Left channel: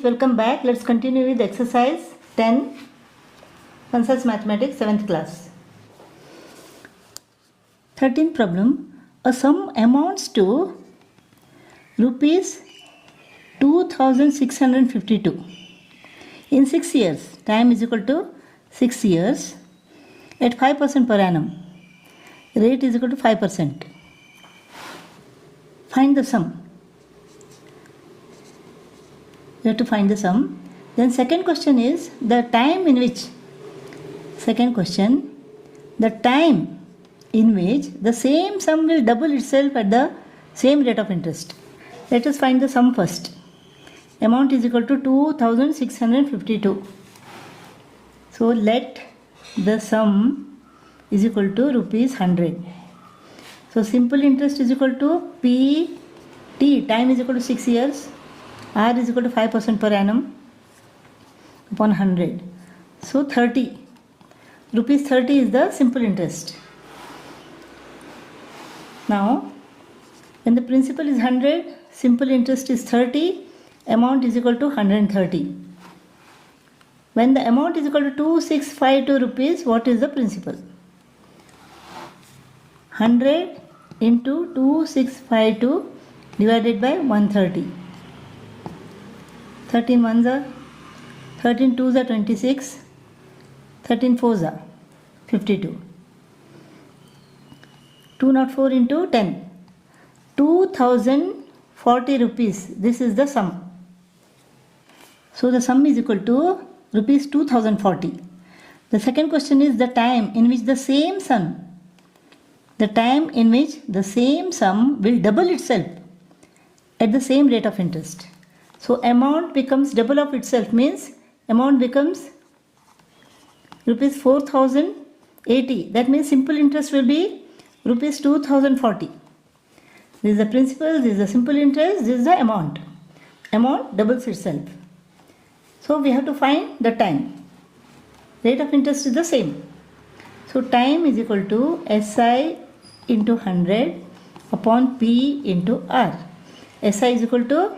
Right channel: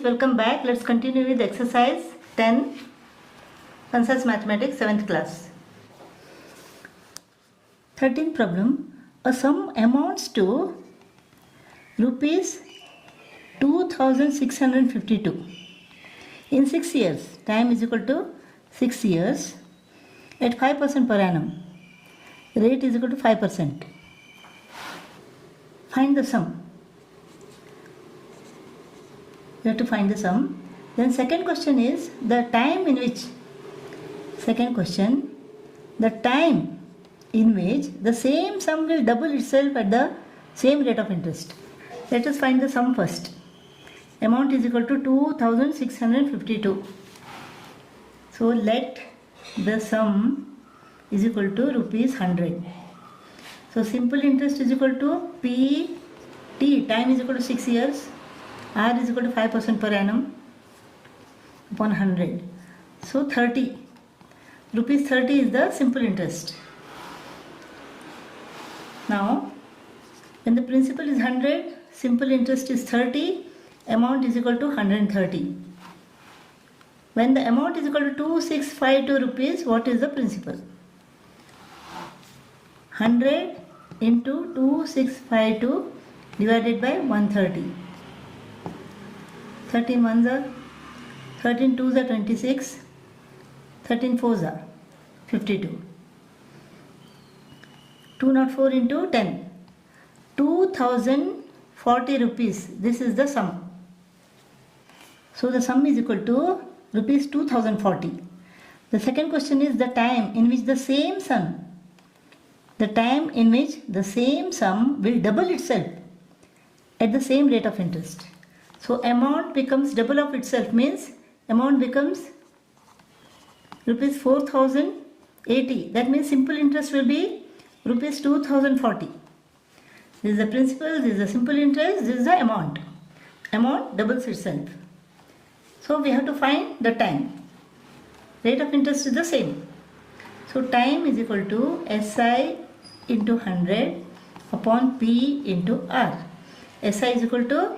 students, welcome back. Let's continue with exercise 10, Concepts Mathematics 7th class. 13th problem. A sum amounts to rupees 2652 in 6 years. Time is equal to 6 years at 5% per annum. Rate is equal to 5%. Find the sum. You have to find the sum. Then second question is the time in which the same sum will double itself at the same rate of interest. Let us find the sum first. Amount is equal to 2652. So let the sum is equal to rupees 100. So simple interest is equal to PT, time is equal to 6 years. R is equal to 5% per annum upon 100. So 30. Rupees 30 is the simple interest. Now, when the principal is 100, simple interest is 30, amount is equal to 130. When the amount is equal to 2652 rupees, what is the principal? 100 into 2652 divided by 130. 13 ones are 13 twos are 26, 13 fours are 52. 204 into 10, 2040 rupees. This is the sum. So the sum is equal to rupees 2040. The second question is the time in which the same sum will double itself at the same rate of interest. So amount becomes double of itself, means amount becomes rupees 4080. That means simple interest will be rupees 2040. This is the principal, this is the simple interest, this is the amount. Amount doubles itself. So we have to find the time. Rate of interest is the same. So time is equal to SI into 100 upon P into R. SI is equal to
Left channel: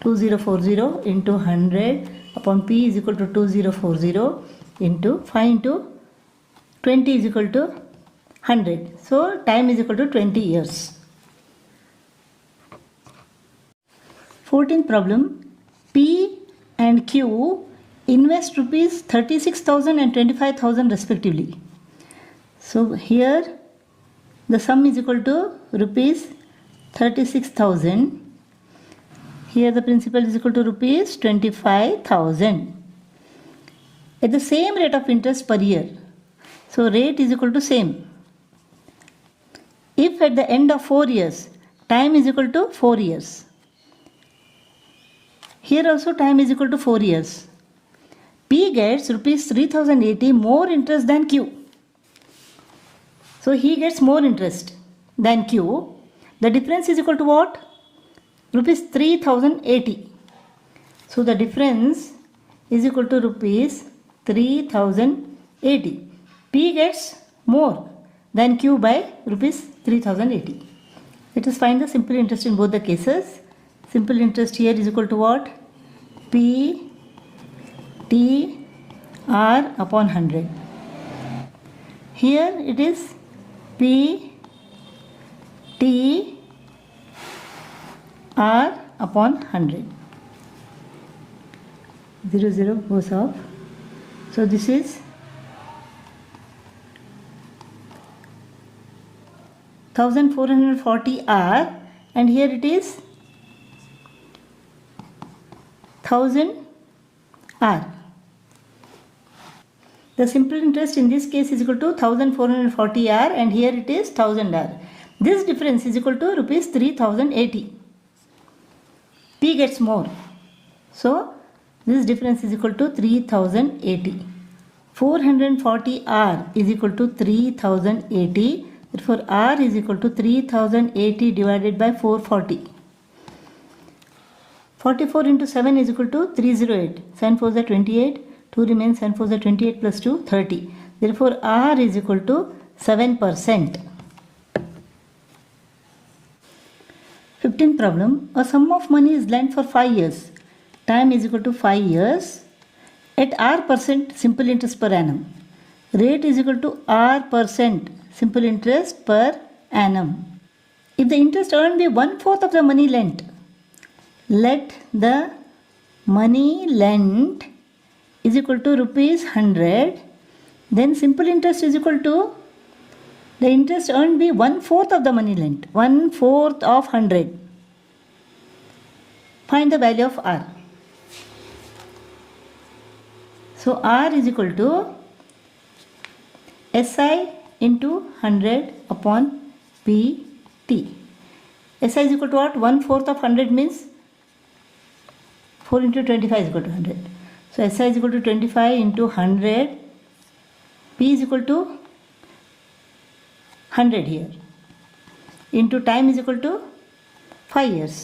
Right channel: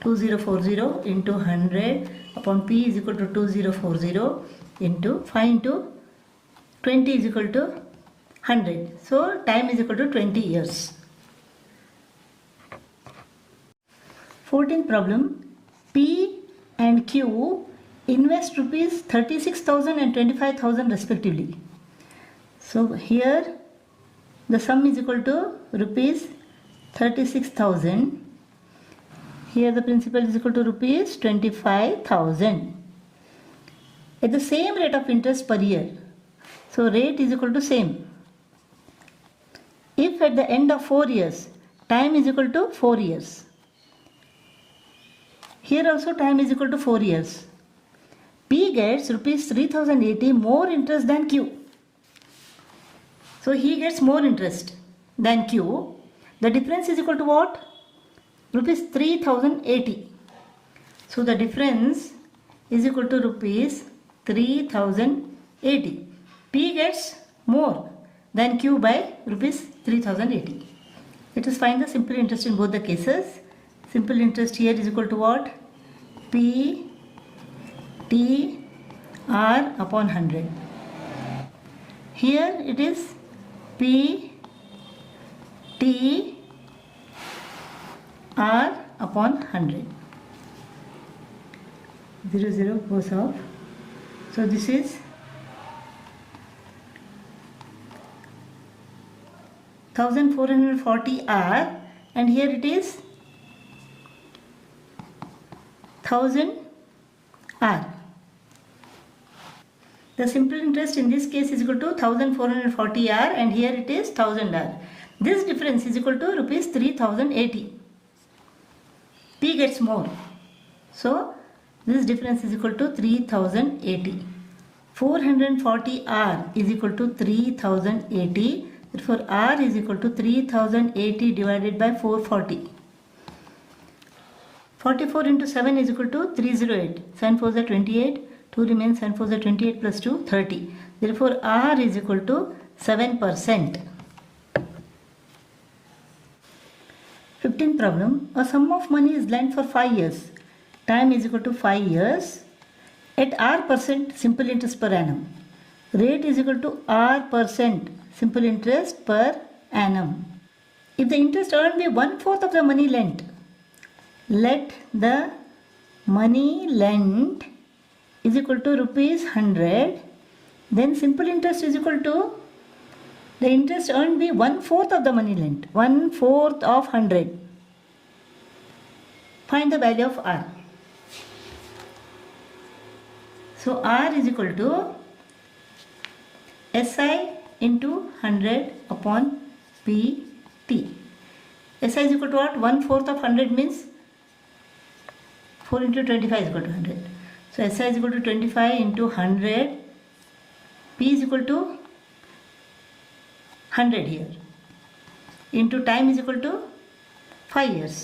2040 into 100 upon P is equal to 2040 into 5 into 20 is equal to 100. So time is equal to 20 years. 14th problem. P and Q invest rupees 36,000 and 25,000 respectively. So here the sum is equal to rupees 36,000. Here the principal is equal to rupees 25,000 at the same rate of interest per year. So rate is equal to same. If at the end of 4 years, time is equal to 4 years. Here also time is equal to 4 years. P gets rupees 3080 more interest than Q. So he gets more interest than Q. The difference is equal to what? Rupees 3080. So the difference is equal to rupees 3080. P gets more than Q by rupees 3080. Let us find the simple interest in both the cases. Simple interest here is equal to what? P T R upon 100. Here it is P T R upon 100. 0, 0 goes off. So this is 1440 R and here it is 1000 R. The simple interest in this case is equal to 1440 R and here it is 1000 R. This difference is equal to rupees 3080. P gets more. So this difference is equal to 3080. 440 R is equal to 3080. Therefore R is equal to 3080 divided by 440. 44 into 7 is equal to 308. 7 4s are 28. 2 remains, 7 4s are 28 plus 2, 30. Therefore R is equal to 7%. 15th problem. A sum of money is lent for 5 years time is equal to 5 years, at R percent simple interest per annum. Rate is equal to R percent simple interest per annum. If the interest earned be 1/4 of the money lent, let the money lent is equal to rupees 100, then simple interest is equal to the interest earned be 1/4 of the money lent, 1/4 of 100. Find the value of R. So R is equal to SI into 100 upon PT. SI is equal to what? 1/4 of 100 means 4 into 25 is equal to 100. So SI is equal to 25 into 100. P is equal to 100 here. Into time is equal to 5 years.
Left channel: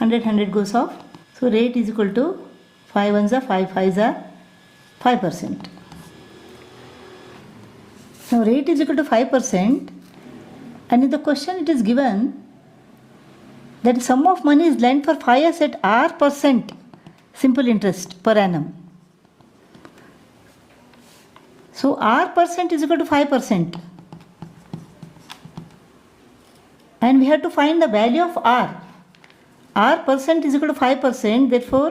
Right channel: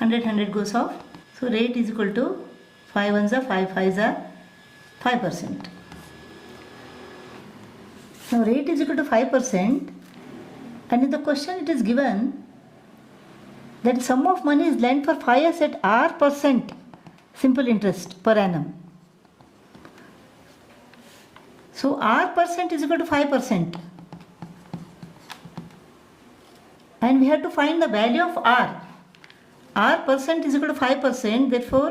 100 goes off. So rate is equal to 5 ones are 5 5s are 5%. Now rate is equal to 5%, and in the question it is given that the sum of money is lent for 5 years at R percent simple interest per annum. So R percent is equal to 5%, and we have to find the value of R. R percent is equal to 5%, therefore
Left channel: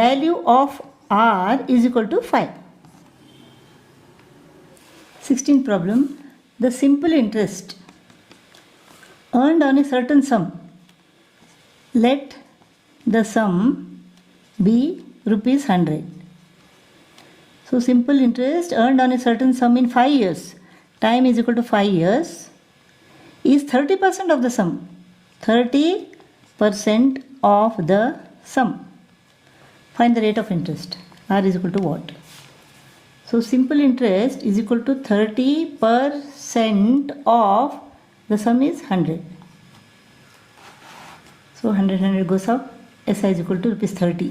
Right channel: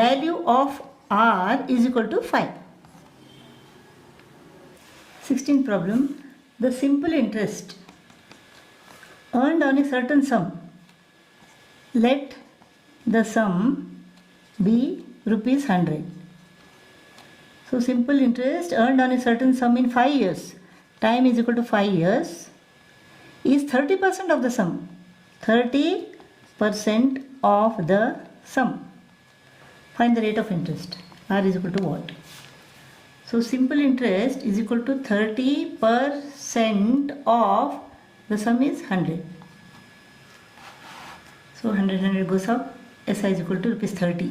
value of R is equal to 5. 16th problem. The simple interest earned on a certain sum, let the sum be rupees 100. So simple interest earned on a certain sum in 5 years, time is equal to 5 years, is 30% of the sum. 30% of the sum. Find the rate of interest. R is equal to what? So simple interest is equal to 30% of the sum is 100. So 100 goes up. SI is equal to rupees 30.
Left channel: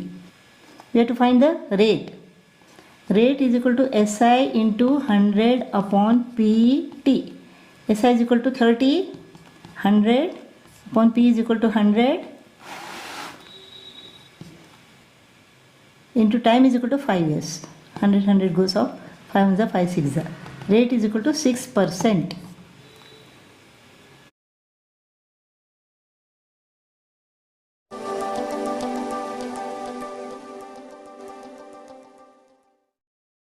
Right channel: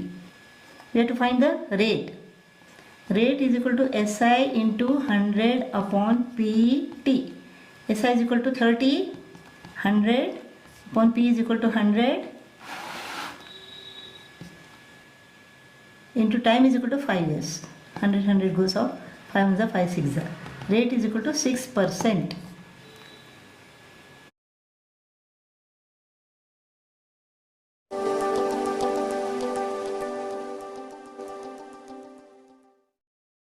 We have to find the rate. Rate is equal to SI into 100 upon PT. SI is equal to 30. 100 upon P is equal to 100 into time is equal to 5 years. 100 goes off. 5 ones are 5 6 are. Rate is equal to 6%.